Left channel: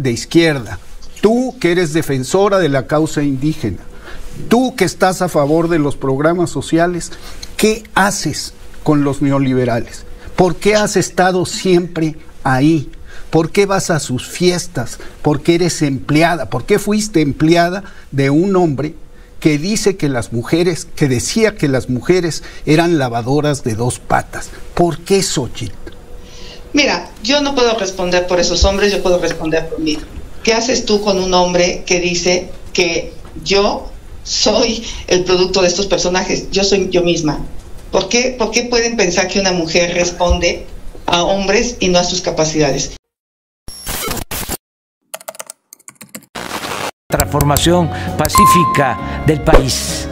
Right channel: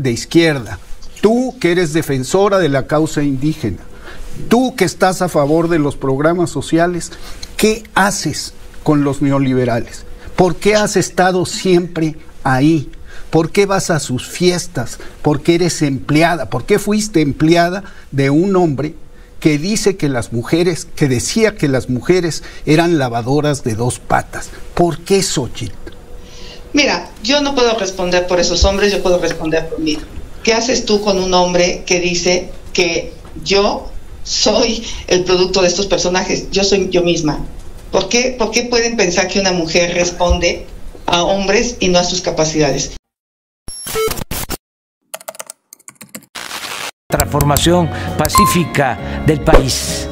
de izquierda, tú que eres defensora de la causa indígena, tú que estás a favor de los programas sociales, ¿qué haces con los neoliberales? ¿Por qué has estado siempre ahí? ¿Por qué vas a sus fiestas? ¿Por qué eres empleada? ¿Por qué fuiste empleada de un hombre que dice que las mujeres, que decía que las mujeres eran lavadoras de dos patas? ¿Por qué, Xóchitl? Mira, yo no puedo responder por esos hombres, yo puedo responder por mí. ¿Qué haces tú con un hombre que dice que yo soy el producto de estos personajes? Yo soy yo misma. ¿Por qué pueden pensar que una mujer responde a hombres y no a sus capacidades? Transformación pacífica del país.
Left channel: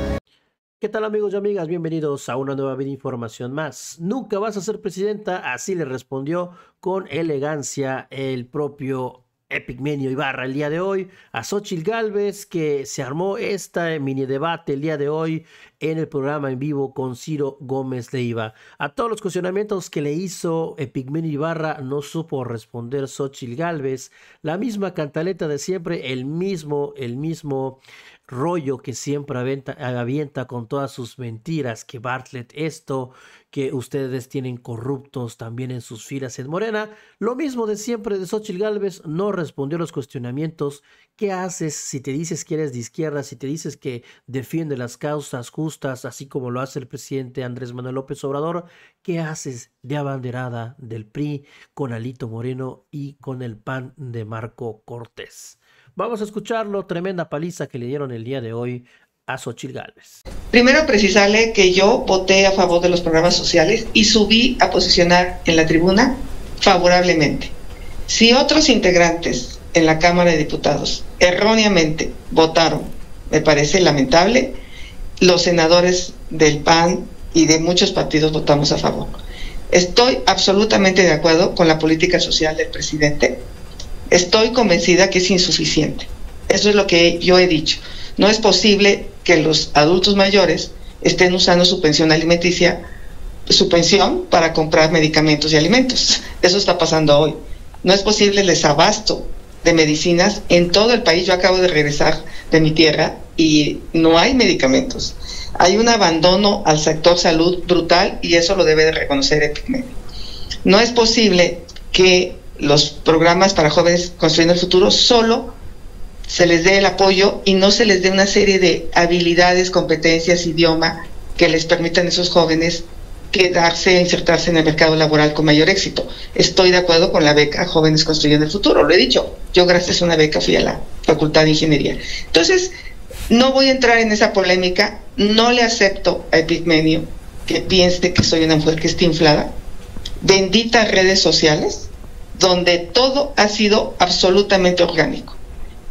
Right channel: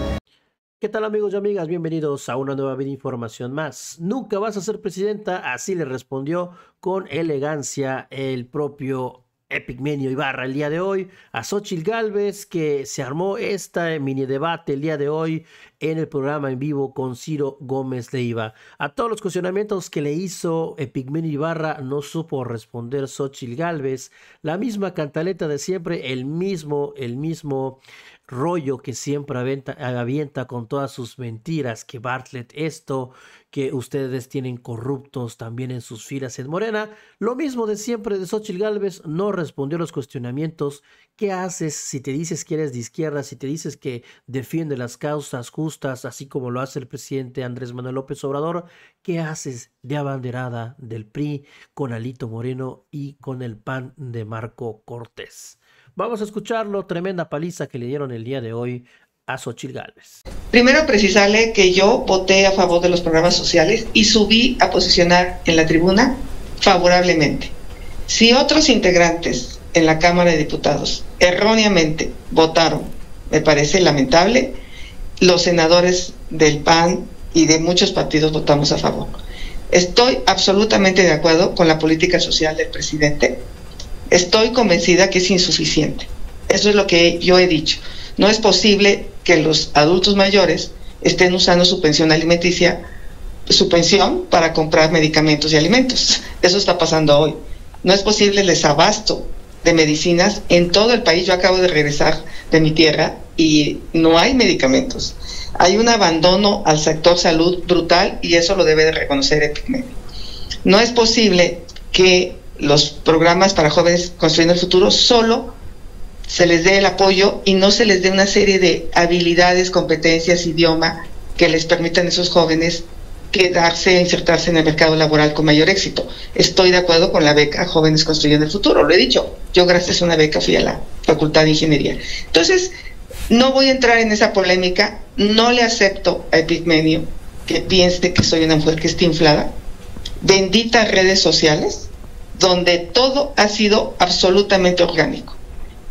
¿Qué tal, amigos y amigas? Bienvenidos a una nueva información más. Nunca vas a ser presidenta, así le respondió con elegancia el propio Epigmenio Ibarra el día de hoy a Xóchitl Gálvez, que se armó esta mini debate el día de hoy en el programa en vivo con Ciro Gómez Leiva. A todos los cuestionamientos que le hizo Epigmenio Ibarra no supo responder Xóchitl Gálvez, la misma cantaleta de siempre, el mismo rollo que siempre avienta con todas sus mentiras, que Bartlett esto, que ustedes tienen corruptos también en sus filas en Morena. Lo mismo de siempre de Xóchitl Gálvez, no respondió a los cuestionamientos. ¿Qué haces si te dices que eres de izquierda, si te dices que defiende las causas justas, así como lo hace el presidente Andrés Manuel López Obrador? ¿Qué haces de abanderada del PRI con Alito Moreno y con el PAN de Marco Cortés? Vamos a escucharlo, tremenda paliza que le dieron el día de hoy a Xóchitl Gálvez. Primero precisarle que yo voté a favor de los programas sociales y subí a posicionar en la tribuna favorablemente. Si otros integrantes en la Cámara de Diputados erróneamente votaron, me parece lamentable, los senadores del PAN y de muchos partidos votamos a favor. Estoy absolutamente de acuerdo con la política social del presidente. Estoy convencida que es insuficiente. Eso es lo que yo he dicho. No es posible que los adultos mayores estén usando su pensión alimenticia, su pensión para comprar medicamentos y alimentos. Eso está pasando hoy. No es posible el desabasto de medicinas en todo el país. Yo acabo de regresar de mi tierra y no hay medicamentos. Hay un abandono al sector salud brutal y eso lo debe de reconocer Epigmenio. No es posible que los programas para jóvenes construyendo el futuro solo se les dé el apoyo y no se les dé una serie de habilidades, competencias, idioma que les permitan a esos jóvenes quedarse, insertarse en el mercado laboral con mayor éxito. Estoy de acuerdo con la beca Jóvenes Construyendo el Futuro, lo he dicho. Yo gracias a una beca fui a la Facultad de Ingeniería. Entonces, no voy a entrar en esa polémica, no le acepto a Epigmenio que piense que soy una mujer que está inflada. Benditas redes sociales, donde todo ha sido absolutamente orgánico.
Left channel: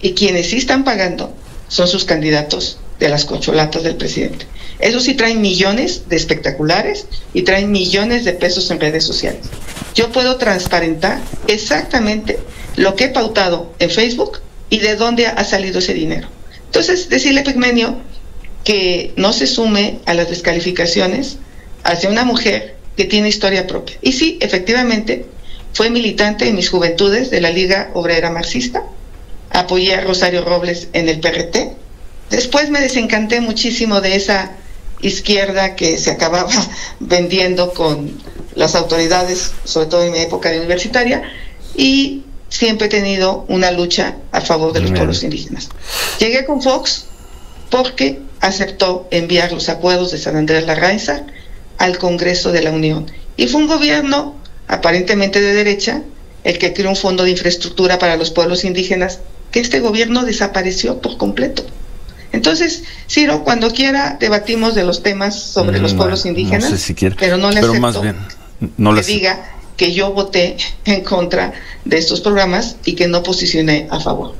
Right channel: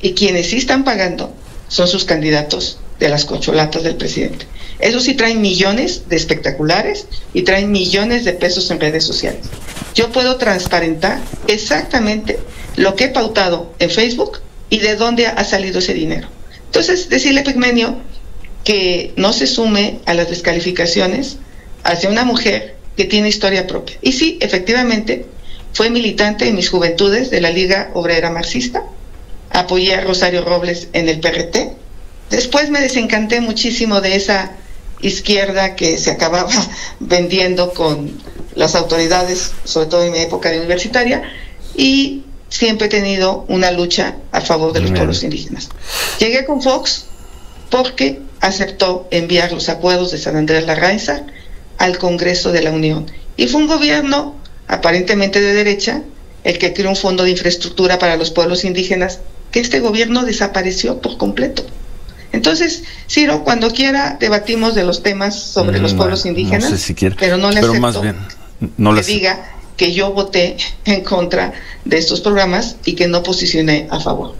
Y quienes sí están pagando son sus candidatos de las cocholatas del presidente. Eso sí traen millones de espectaculares y traen millones de pesos en redes sociales. Yo puedo transparentar exactamente lo que he pautado en Facebook y de dónde ha salido ese dinero. Entonces, decirle a Epigmenio que no se sume a las descalificaciones hacia una mujer que tiene historia propia. Y sí, efectivamente, fue militante en mis juventudes de la Liga Obrera Marxista. Apoyé a Rosario Robles en el PRT. Después me desencanté muchísimo de esa izquierda que se acababa vendiendo con las autoridades, sobre todo en mi época de universitaria, y siempre he tenido una lucha a favor de los pueblos indígenas. Llegué con Fox porque aceptó enviar los acuerdos de San Andrés Larrainza al Congreso de la Unión. Y fue un gobierno aparentemente de derecha el que creó un fondo de infraestructura para los pueblos indígenas, que este gobierno desapareció por completo. Entonces, Ciro, cuando quiera debatimos de los temas sobre los pueblos indígenas, no sé si quiere, pero no le acepto más bien, que diga que yo voté en contra de estos programas y que no posicioné a favor.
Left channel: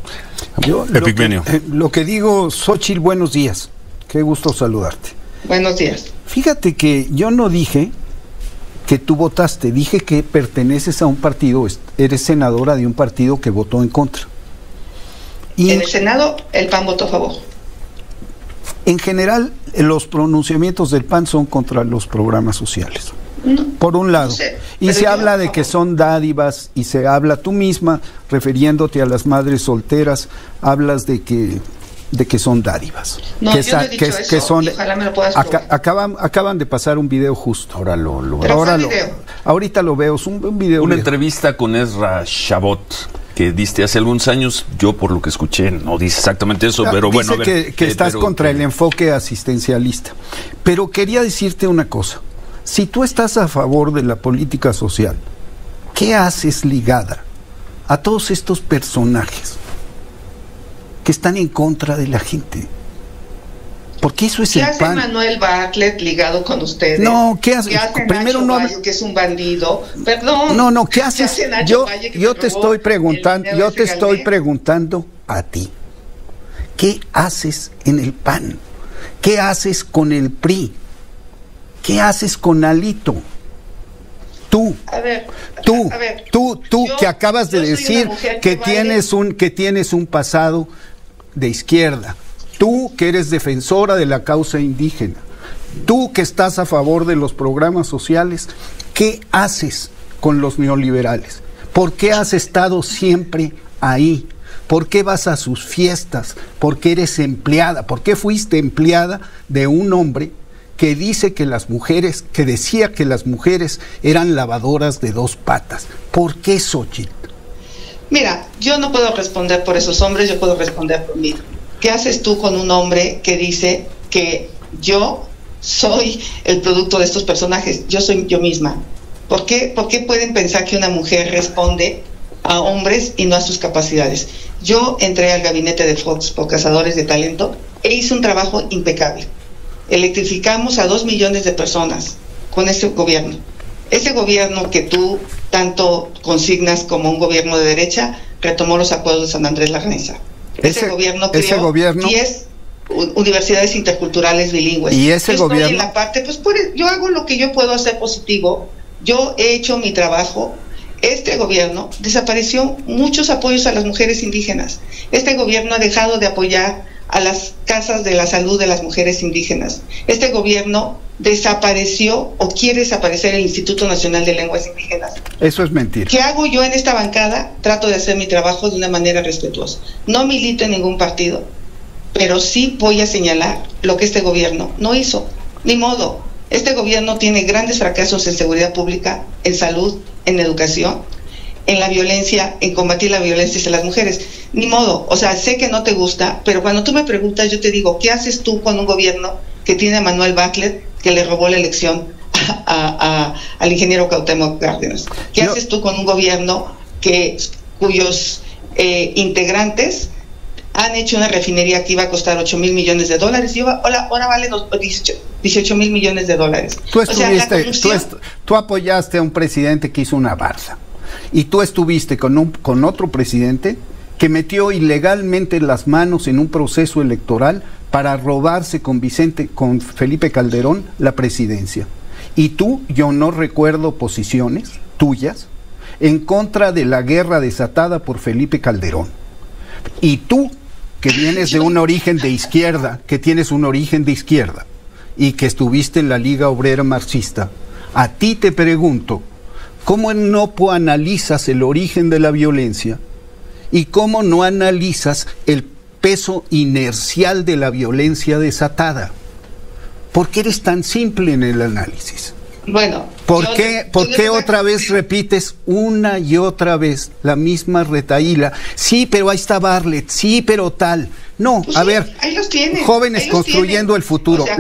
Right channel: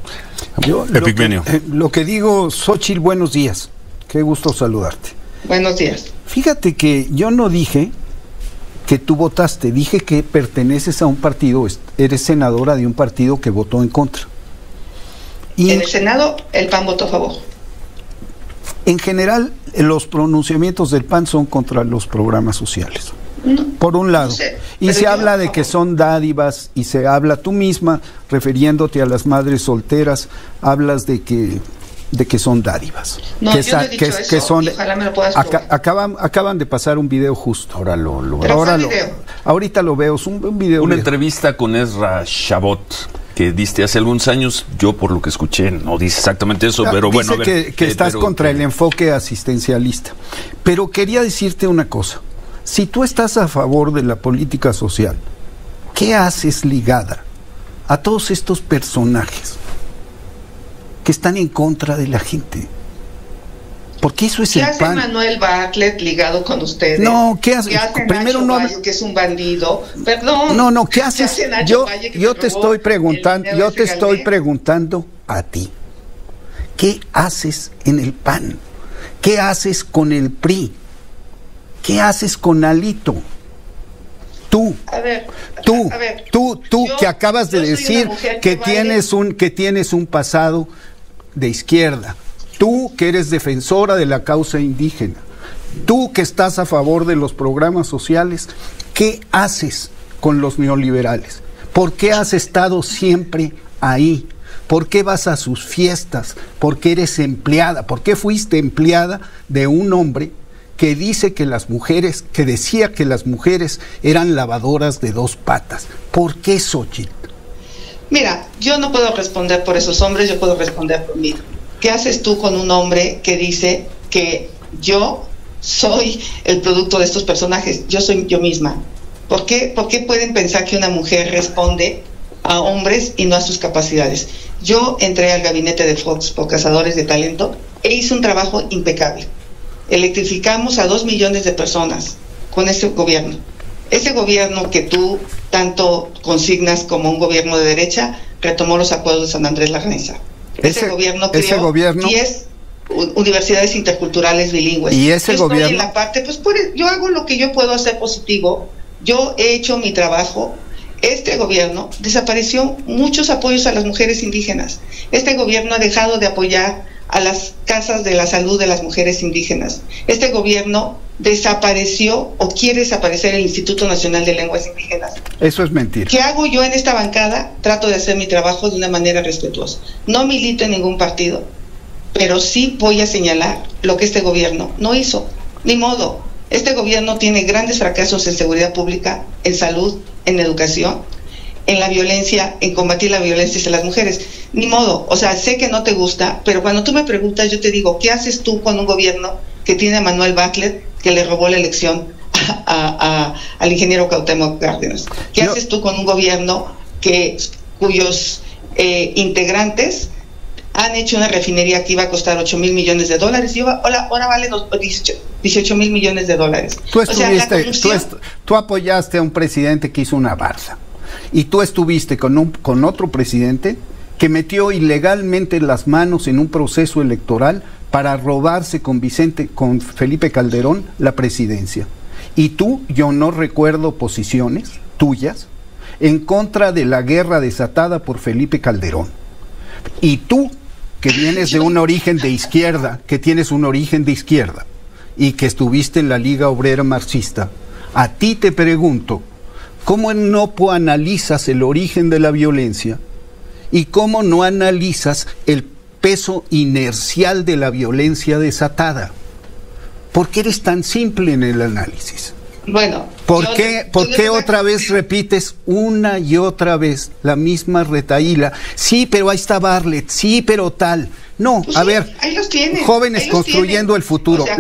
Epigmenio. Lo que digo, Xóchitl, buenos días. Qué gusto saludarte. Buenos días. Fíjate que yo no dije que tú votaste, dije que perteneces a un partido, eres senadora de un partido que votó en contra. Y en el Senado el PAN votó a favor. En general, los pronunciamientos del PAN son contra los programas sociales. Por un lado. No sé, Y se habla de que son dádivas, y se habla tú misma, refiriéndote a las madres solteras, hablas de que son dádivas. No, yo no he dicho eso, son, ojalá me lo puedas probar. acaban de pasar un video justo. Ahorita lo veo, es un video. Una viejo. entrevista con Ezra Shabot que diste hace algunos años. Yo, por lo que escuché, no dice exactamente eso, pero Dice bueno. A ver, que estás contra el enfoque asistencialista. Pero quería decirte una cosa. Si tú estás a favor de la política social, ¿qué haces ligada a todos estos personajes que están en contra de la gente? Porque eso es ¿Qué el hace pan. Manuel Bartlett ligado con ustedes? No, ¿qué hace? Primero Nacho no. Valle, que es un bandido. Perdón. No, ¿qué haces? hace Nacho Valle, que Yo me te robó estoy preguntando, el dinero ese Galvez? A ti. ¿Qué haces en el PAN? ¿Qué haces con el PRI? ¿Qué haces con Alito? Tú, A ver, tú yo- que acabas de yo soy una decir mujer que vale- tienes un pasado de izquierda. Tú que eres defensora de la causa indígena. Tú que estás a favor de los programas sociales. ¿Qué haces con los neoliberales? ¿Por qué has estado siempre ahí? ¿Por qué vas a sus fiestas? ¿Por qué eres empleada? ¿Por qué fuiste empleada de un hombre que dice que que decía que las mujeres eran lavadoras de dos patas? ¿Por qué, Xochitl? Mira, yo no puedo responder por esos hombres, yo puedo responder por mí. ¿Qué haces tú con un hombre que dice que yo soy el producto de estos personajes? Yo soy yo misma. ¿Por qué pueden pensar que una mujer responde a hombres y no a sus capacidades? Yo entré al gabinete de Fox por Cazadores de Talento e hice un trabajo impecable. Electrificamos a 2 millones de personas con ese gobierno. Ese gobierno que tú tanto consignas como un gobierno de derecha retomó los acuerdos de San Andrés Larrainza. Ese gobierno creó 10 universidades interculturales bilingües. Y ese yo gobierno, estoy en la parte, yo hago lo que yo puedo hacer positivo. Yo he hecho mi trabajo. Este gobierno desapareció muchos apoyos a las mujeres indígenas. Este gobierno ha dejado de apoyar a las casas de la salud de las mujeres indígenas. Este gobierno desapareció o quiere desaparecer el Instituto Nacional de Lenguas Indígenas. eso es mentira. ¿Qué hago yo en esta bancada? Trato de hacer mi trabajo de una manera respetuosa. No milito en ningún partido, pero sí voy a señalar lo que este gobierno no hizo. Ni modo. Este gobierno tiene grandes fracasos en seguridad pública, en salud, en educación, en la violencia, en combatir la violencia hacia las mujeres. Ni modo, o sea, sé que no te gusta, pero cuando tú me preguntas, yo te digo, ¿qué haces tú con un gobierno que tiene a Manuel Bartlett, que le robó la elección al ingeniero Cuauhtémoc Cárdenas? ¿Qué haces tú con un gobierno cuyos integrantes han hecho una refinería que iba a costar $8,000 millones y ahora vale 18,000 millones de dólares? Tú apoyaste a un presidente que hizo una barza, y tú estuviste con otro presidente que metió ilegalmente las manos en un proceso electoral para robarse con Felipe Calderón la presidencia. Y yo no recuerdo posiciones tuyas en contra de la guerra desatada por Felipe Calderón. Y tú, que vienes de un origen de izquierda, y que estuviste en la Liga Obrera Marxista, a ti te pregunto, ¿cómo no analizas el origen de la violencia? ¿Y cómo no analizas el peso inercial de la violencia desatada? ¿Por qué eres tan simple en el análisis? Bueno, ¿Por qué otra vez repites una y otra vez la misma retahíla? Sí, pero ahí está Bartlett, sí, pero tal. No, pues a sí, ver, ahí los tienen, jóvenes construyendo el futuro. O sea,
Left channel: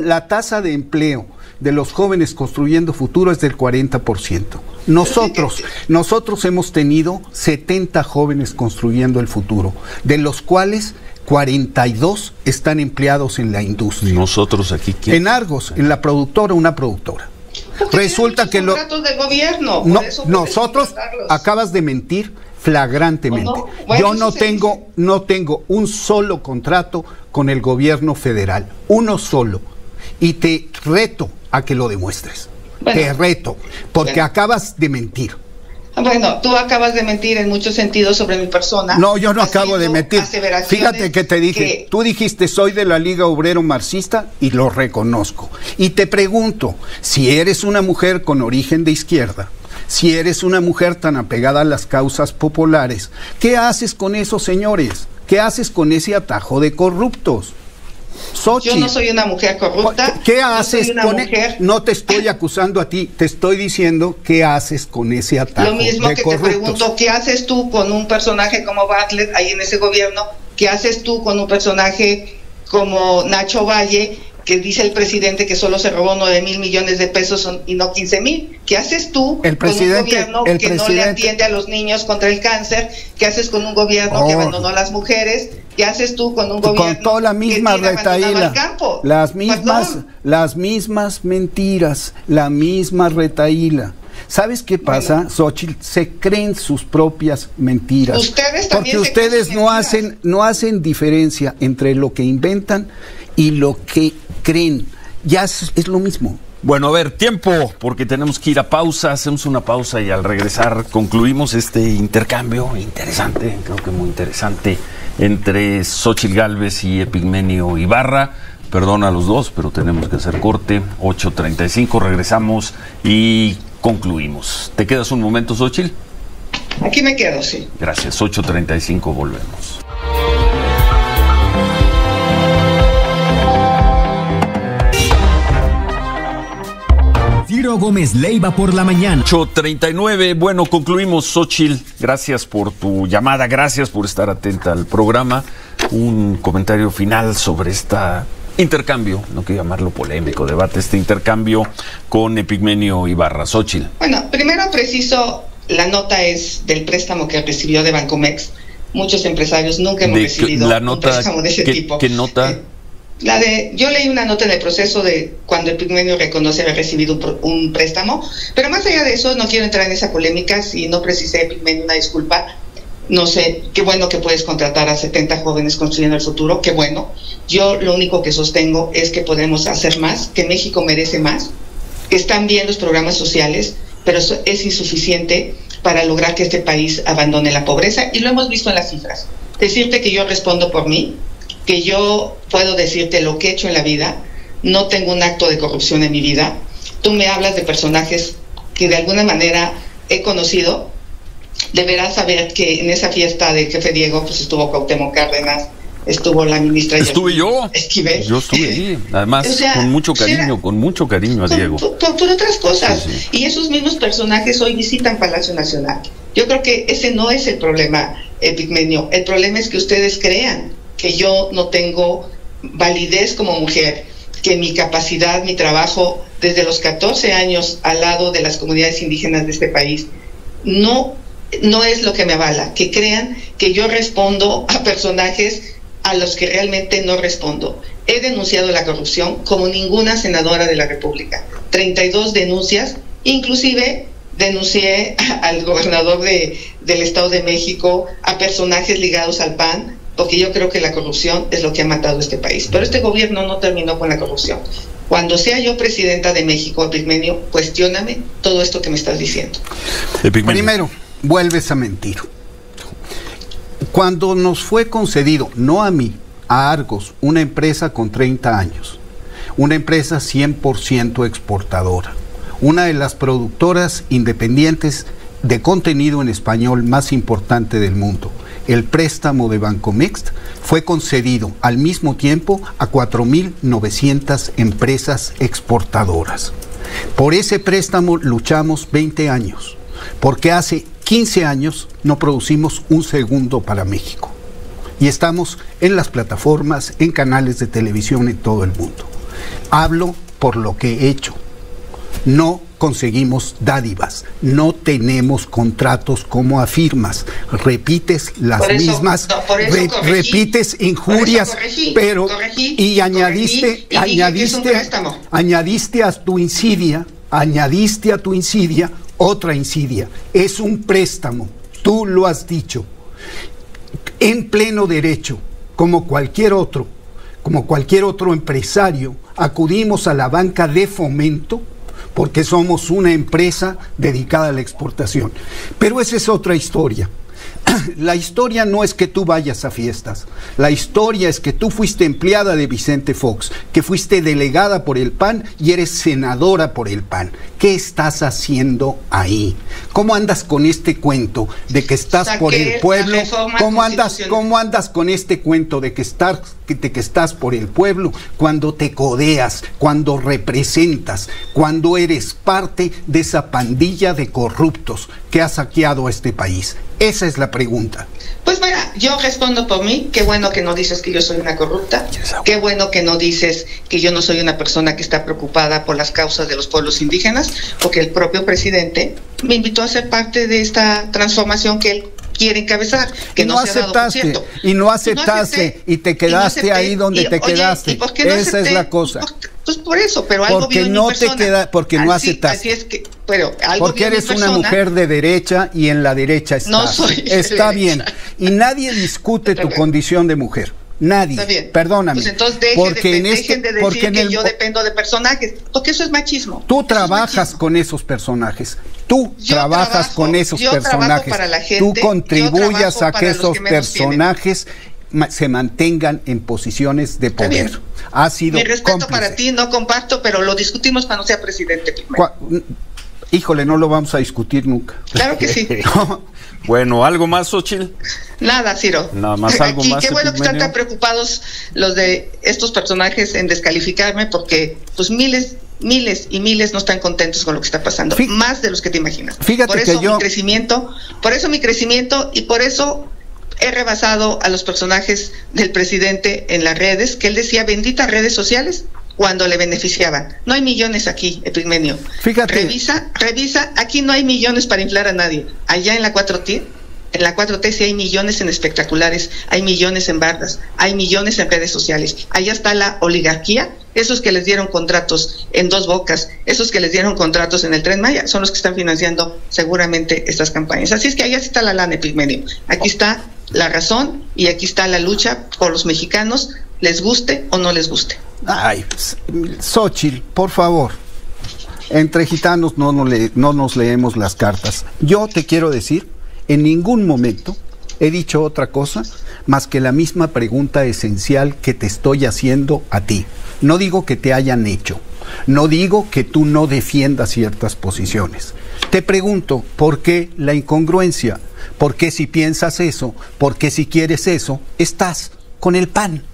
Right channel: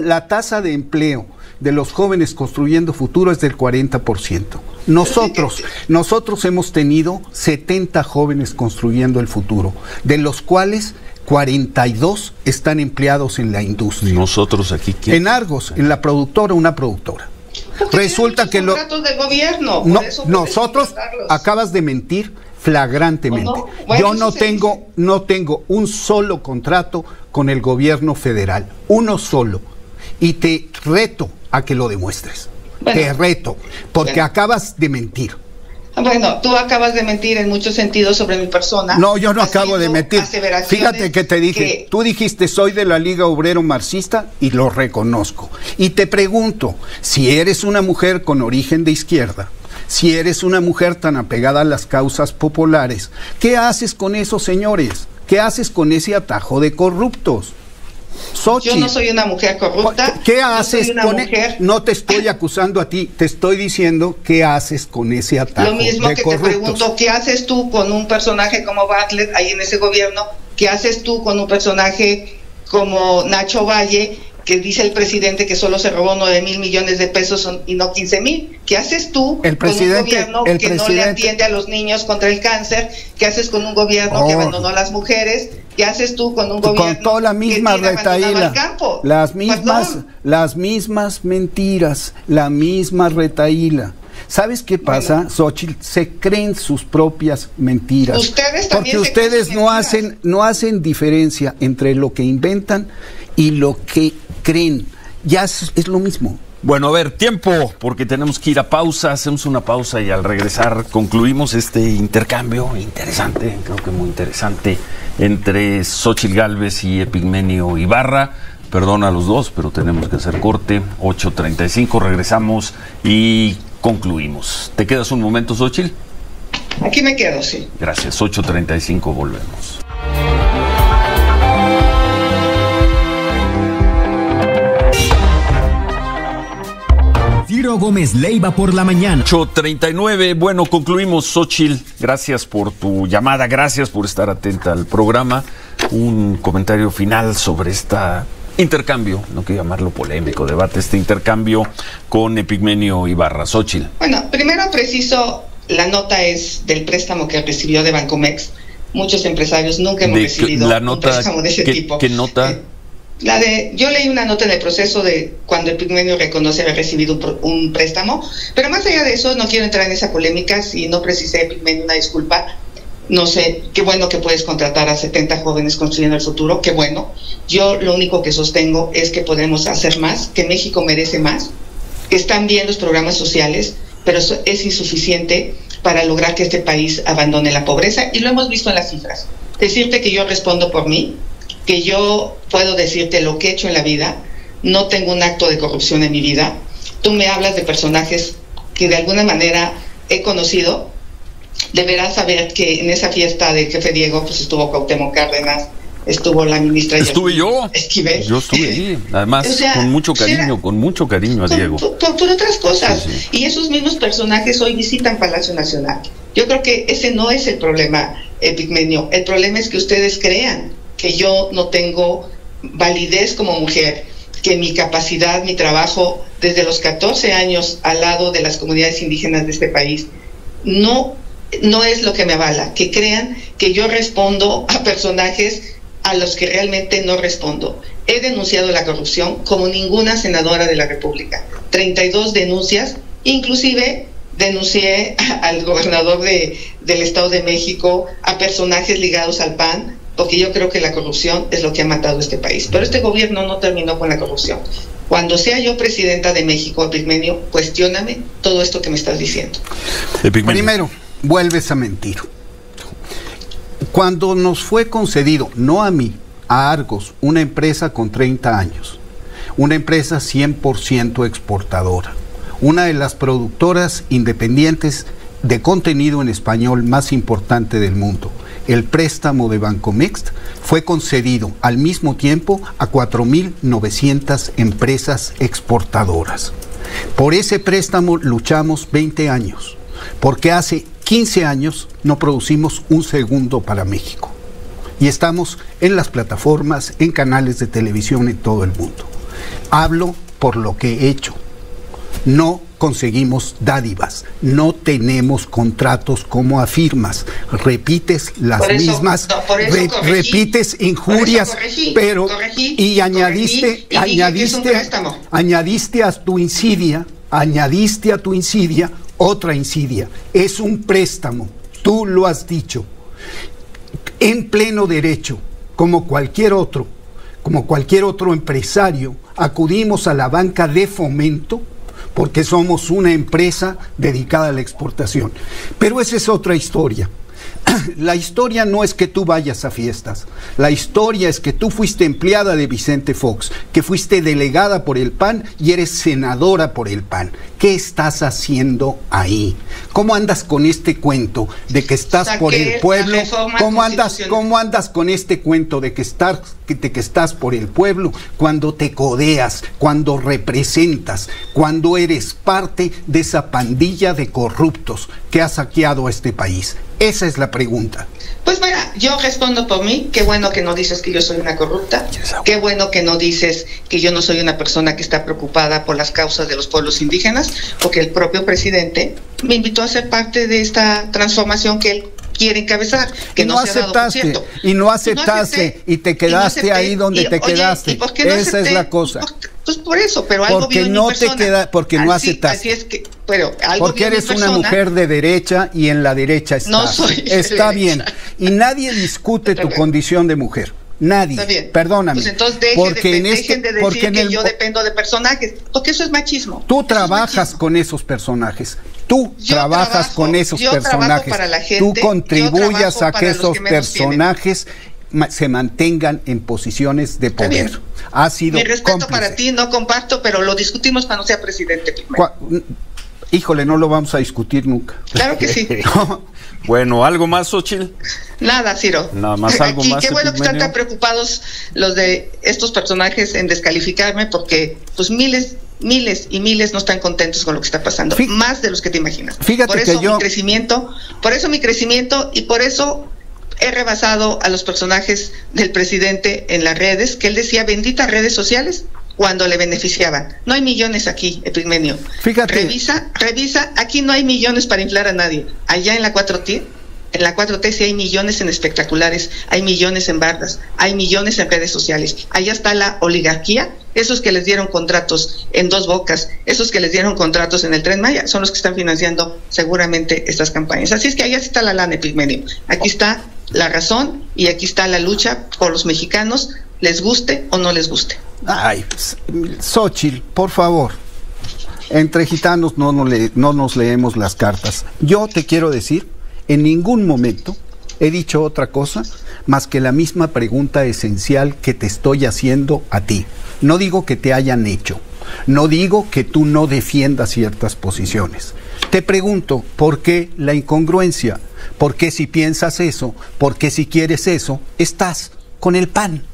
la tasa de empleo de los jóvenes construyendo futuro es del 40%. Nosotros hemos tenido 70 jóvenes construyendo el futuro, de los cuales 42 están empleados en la industria. Nosotros aquí, ¿qué? En Argos, en la productora, una productora. Porque Resulta que contratos del gobierno. no, por eso nosotros Carlos. acabas de mentir flagrantemente. ¿O no? Bueno, Yo eso no tengo un solo contrato con el gobierno federal, uno solo. Y te reto a que lo demuestres. Bueno. Te reto, porque acabas de mentir. Bueno, tú acabas de mentir en muchos sentidos sobre mi persona. No, yo no acabo de mentir. Fíjate que te dije, que... tú dijiste soy de la Liga Obrero Marxista y lo reconozco. Y te pregunto, si eres una mujer con origen de izquierda, si eres una mujer tan apegada a las causas populares, ¿qué haces con esos señores? ¿Qué haces con ese atajo de corruptos? Xochitl, yo no soy una mujer corrupta. ¿Qué haces con mujer... No te estoy acusando a ti, te estoy diciendo qué haces con ese ataque. Lo mismo de que corruptos. te pregunto, ¿qué haces tú con un personaje como Bartlett ahí en ese gobierno? ¿Qué haces tú con un personaje como Nacho Valle, que dice el presidente que solo se robó 9,000 millones de pesos y no 15,000? ¿Qué haces tú con un gobierno que no le atiende a los niños contra el cáncer? ¿Qué haces con un gobierno que abandonó a las mujeres? ¿Qué haces tú con un gobierno con toda la misma que tiene retaíla, abandonado el campo? las mismas mentiras, la misma retaíla. ¿Sabes qué pasa, bueno, Xochitl? Se creen sus propias mentiras. Ustedes también porque ustedes no hacen diferencia entre lo que inventan y lo que creen. Ya es lo mismo. Bueno, a ver, tiempo, porque tenemos que ir a pausa, hacemos una pausa y al regresar concluimos este intercambio interesante, creo que muy interesante, entre Xochitl Gálvez y Epigmenio Ibarra. Perdona a los dos, pero tenemos que hacer corte. 8:35, regresamos y concluimos. ¿Te quedas un momento, Xochitl? Aquí me quedo, sí. Gracias, 8:35, volvemos. Ciro Gómez Leiva por la mañana. 8:39, bueno, concluimos. Xochitl, gracias por tu llamada, gracias por estar atenta al programa. Un comentario final sobre este intercambio, no quiero llamarlo polémico, debate, este intercambio con Epigmenio Ibarra. Xochitl. Bueno, primero preciso, la nota es del préstamo que recibió de Bancomex. Muchos empresarios nunca hemos recibido un préstamo de ese tipo. ¿Qué nota? Yo leí una nota en el proceso de cuando Epigmenio reconoce haber recibido un préstamo, pero más allá de eso no quiero entrar en esa polémica. Si no precisé, Epigmenio, una disculpa. No sé, qué bueno que puedes contratar a 70 jóvenes construyendo el futuro, qué bueno. Yo lo único que sostengo es que podemos hacer más, que México merece más, que están bien los programas sociales, pero eso es insuficiente para lograr que este país abandone la pobreza, y lo hemos visto en las cifras. Decirte que yo respondo por mí, que yo puedo decirte lo que he hecho en la vida, no tengo un acto de corrupción en mi vida. Tú me hablas de personajes que de alguna manera he conocido. Deberás saber que en esa fiesta de Jefe Diego pues estuvo Cuauhtémoc Cárdenas, estuvo la ministra Estuve yo. Esquivel. Yo estuve ahí, además, o sea, con mucho cariño a Diego. Por otras cosas. Sí. Y esos mismos personajes hoy visitan Palacio Nacional. Yo creo que ese no es el problema, Epigmenio. El problema es que ustedes crean que yo no tengo validez como mujer, que mi capacidad, mi trabajo desde los 14 años al lado de las comunidades indígenas de este país no es lo que me avala, que crean que yo respondo a personajes a los que realmente no respondo. He denunciado la corrupción como ninguna senadora de la República, 32 denuncias, inclusive denuncié al gobernador del Estado de México, a personajes ligados al PAN, porque yo creo que la corrupción es lo que ha matado a este país. Pero este gobierno no terminó con la corrupción. Cuando sea yo presidenta de México, Epigmenio, cuestióname todo esto que me estás diciendo. Primero, vuelves a mentir. Cuando nos fue concedido, no a mí, a Argos, una empresa con 30 años, una empresa 100% exportadora, una de las productoras independientes de contenido en español más importante del mundo. El préstamo de Bancomext fue concedido al mismo tiempo a 4,900 empresas exportadoras. Por ese préstamo luchamos 20 años, porque hace 15 años no producimos un segundo para México. Y estamos en las plataformas, en canales de televisión en todo el mundo. Hablo por lo que he hecho. No conseguimos dádivas, no tenemos contratos como afirmas, repites las mismas, repites injurias, pero y añadiste a tu insidia otra insidia. Es un préstamo, tú lo has dicho, en pleno derecho, como cualquier otro empresario, acudimos a la banca de fomento porque somos una empresa dedicada a la exportación. Pero esa es otra historia. La historia no es que tú vayas a fiestas, la historia es que tú fuiste empleada de Vicente Fox, que fuiste delegada por el PAN y eres senadora por el PAN. ¿Qué estás haciendo ahí? ¿Cómo andas con este cuento de que estás por el pueblo? ¿Cómo andas con este cuento de que estás por el pueblo cuando te codeas, cuando representas, cuando eres parte de esa pandilla de corruptos que ha saqueado a este país? Esa es la pregunta. Pues mira, yo respondo por mí. Qué bueno que no dices que yo soy una corrupta. Qué bueno que no dices que yo no soy una persona que está preocupada por las causas de los pueblos indígenas. Porque eres una mujer de derecha y en la derecha estás. No soy. Está bien. Y nadie discute tu condición de mujer. Nadie. Está bien. Perdóname. Pues entonces dejen de decir que yo dependo de personajes, porque eso es machismo. Tú trabajas con esos personajes. Tú contribuyas a que esos personajes se mantengan. Híjole, no lo vamos a discutir nunca. Claro que sí. Bueno, ¿algo más, Xóchitl? Nada, Ciro. Nada más, algo aquí, más. Qué bueno que están tan preocupados los de estos personajes en descalificarme, porque pues miles y miles no están contentos con lo que está pasando, más de los que te imaginas. Fíjate por eso que yo... por eso mi crecimiento y por eso he rebasado a los personajes del presidente en las redes, que él decía benditas redes sociales, cuando le beneficiaban. No hay millones aquí, Epigmenio. Fíjate. Revisa, aquí no hay millones para inflar a nadie. Allá en la 4T sí hay millones en espectaculares, hay millones en bardas, hay millones en redes sociales. Allá está la oligarquía, esos que les dieron contratos en Dos Bocas, esos que les dieron contratos en el Tren Maya, son los que están financiando seguramente estas campañas. Así es que allá está la lana, Epigmenio. Aquí está la razón y aquí está la lucha por los mexicanos, les guste o no les guste. Ay, Xóchitl, por favor, entre gitanos no nos leemos las cartas. Yo te quiero decir, en ningún momento he dicho otra cosa más que la misma pregunta esencial que te estoy haciendo a ti. No digo que te hayan hecho, no digo que tú no defiendas ciertas posiciones. Te pregunto, ¿por qué la incongruencia? ¿Por qué si piensas eso, por qué si quieres eso, estás con el PAN?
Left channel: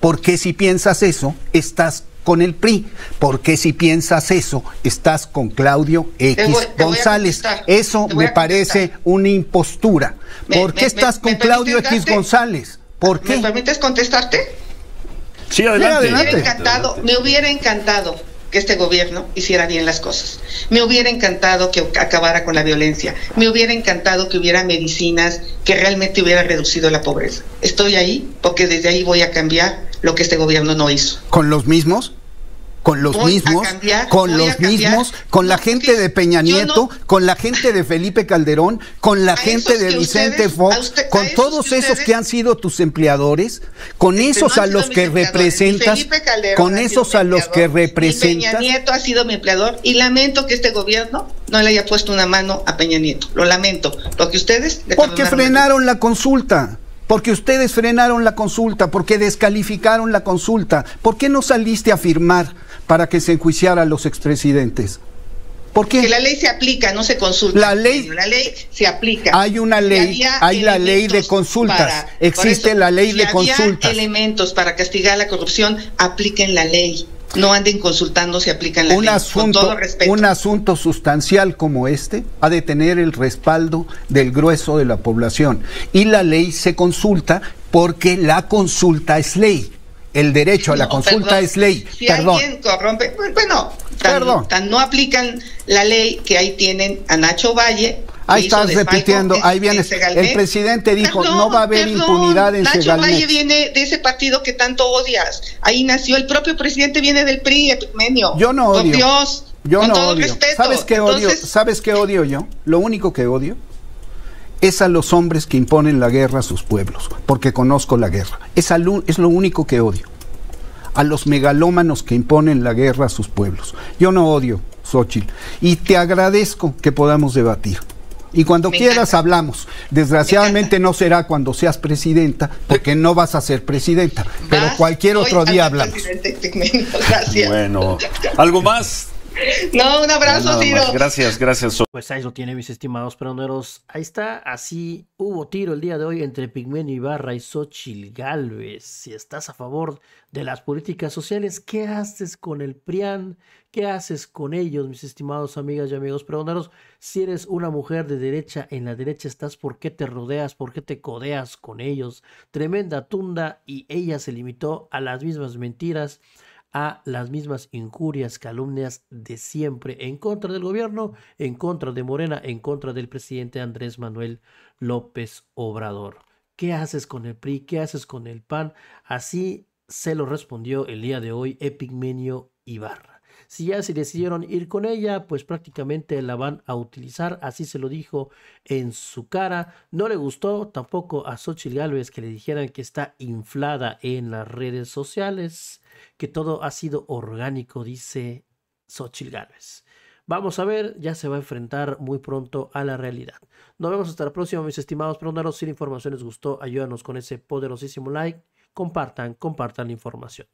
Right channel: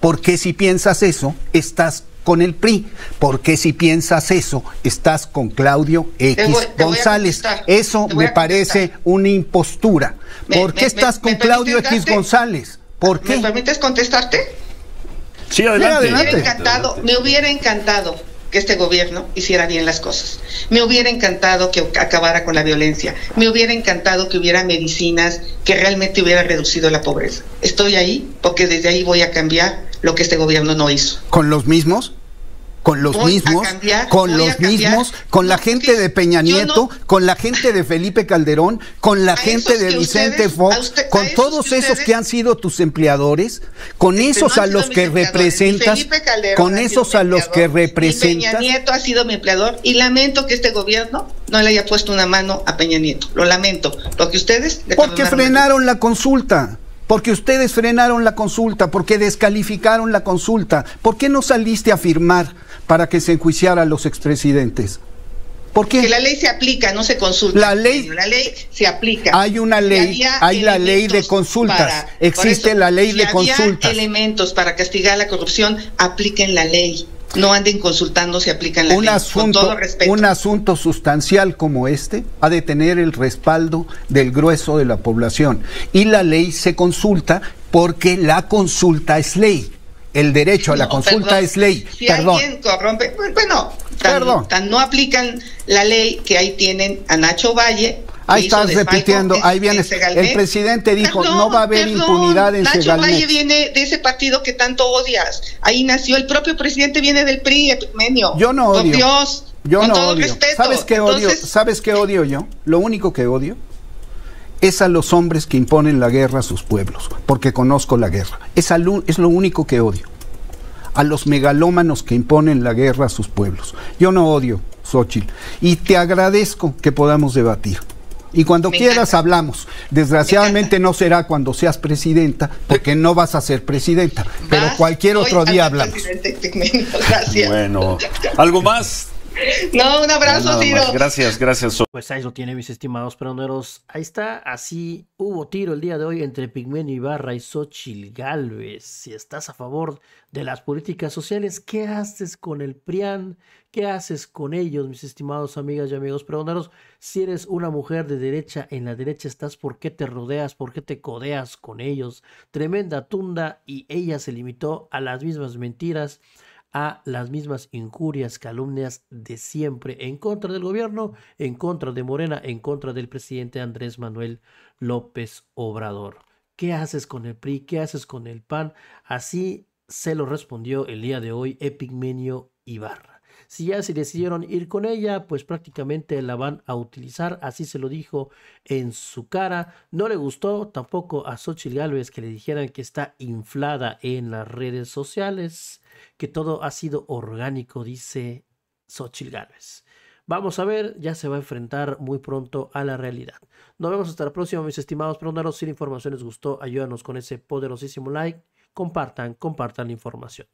¿Por qué si piensas eso, estás con el PRI? ¿Por qué si piensas eso, estás con Claudio X González? Eso me parece una impostura. ¿Por qué estás con Claudio X González? ¿Por qué? ¿Me permites contestarte? Sí, adelante. Me hubiera encantado que este gobierno hiciera bien las cosas. Me hubiera encantado que acabara con la violencia. Me hubiera encantado que hubiera medicinas, que realmente hubiera reducido la pobreza. Estoy ahí porque desde ahí voy a cambiar lo que este gobierno no hizo. ¿Con los mismos? Con los mismos, con la gente de Peña Nieto, con la gente de Felipe Calderón, con la gente de Vicente Fox, con todos esos que han sido tus empleadores, con esos a los que representas, con esos a los que representas. Peña Nieto ha sido mi empleador y lamento que este gobierno no le haya puesto una mano a Peña Nieto. Lo lamento, porque ustedes... Porque frenaron la consulta. Porque ustedes frenaron la consulta, porque descalificaron la consulta. ¿Por qué no saliste a firmar para que se enjuiciara a los expresidentes? ¿Por qué? Que la ley se aplica, no se consulta. La ley se aplica. Hay una ley, hay la ley de consultas. Existe la ley de consultas. Si había elementos para castigar la corrupción, apliquen la ley. No anden consultando si aplican la ley. Con todo respeto. Un asunto sustancial como este ha de tener el respaldo del grueso de la población. Y la ley se consulta porque la consulta es ley. El derecho a la consulta es ley. Si alguien corrompe, bueno, tan no aplican la ley que ahí tienen a Nacho Valle. Ahí estás repitiendo, ahí viene. El presidente dijo, no va a haber impunidad en Segalmex. Nacho Valle viene de ese partido que tanto odias. Ahí nació, el propio presidente viene del PRI, Epigmenio. Yo no odio. Por Dios, yo con no todo odio. respeto. ¿Sabes qué odio yo? Lo único que odio es a los hombres que imponen la guerra a sus pueblos, porque conozco la guerra. Es lo único que odio. A los megalómanos que imponen la guerra a sus pueblos. Yo no odio, Xóchitl. Y te agradezco que podamos debatir. Y cuando quieras hablamos. Desgraciadamente no será cuando seas presidenta, porque no vas a ser presidenta. Pero cualquier otro día hablamos. Gracias. Bueno, ¿algo más? No, un abrazo, Ciro. Gracias. Pues ahí lo tiene, mis estimados peroneros. Ahí está, así hubo tiro el día de hoy entre Epigmenio Ibarra y Xóchitl Gálvez. Si estás a favor de las políticas sociales, ¿qué haces con el PRIAN? ¿Qué haces con ellos, mis estimados amigas y amigos peroneros? Si eres una mujer de derecha, en la derecha estás, ¿por qué te rodeas? ¿Por qué te codeas con ellos? Tremenda tunda, y ella se limitó a las mismas mentiras, a las mismas injurias, calumnias de siempre, en contra del gobierno, en contra de Morena, en contra del presidente Andrés Manuel López Obrador. ¿Qué haces con el PRI? ¿Qué haces con el PAN? Así se lo respondió el día de hoy Epigmenio Ibarra. Si ya se decidieron ir con ella, pues prácticamente la van a utilizar, así se lo dijo en su cara. No le gustó tampoco a Xóchitl Gálvez que le dijeran que está inflada en las redes sociales, que todo ha sido orgánico, dice Xóchitl Gálvez. Vamos a ver, ya se va a enfrentar muy pronto a la realidad. Nos vemos hasta la próxima, mis estimados peroneros. Si la información les gustó, ayúdanos con ese poderosísimo like. Compartan la información.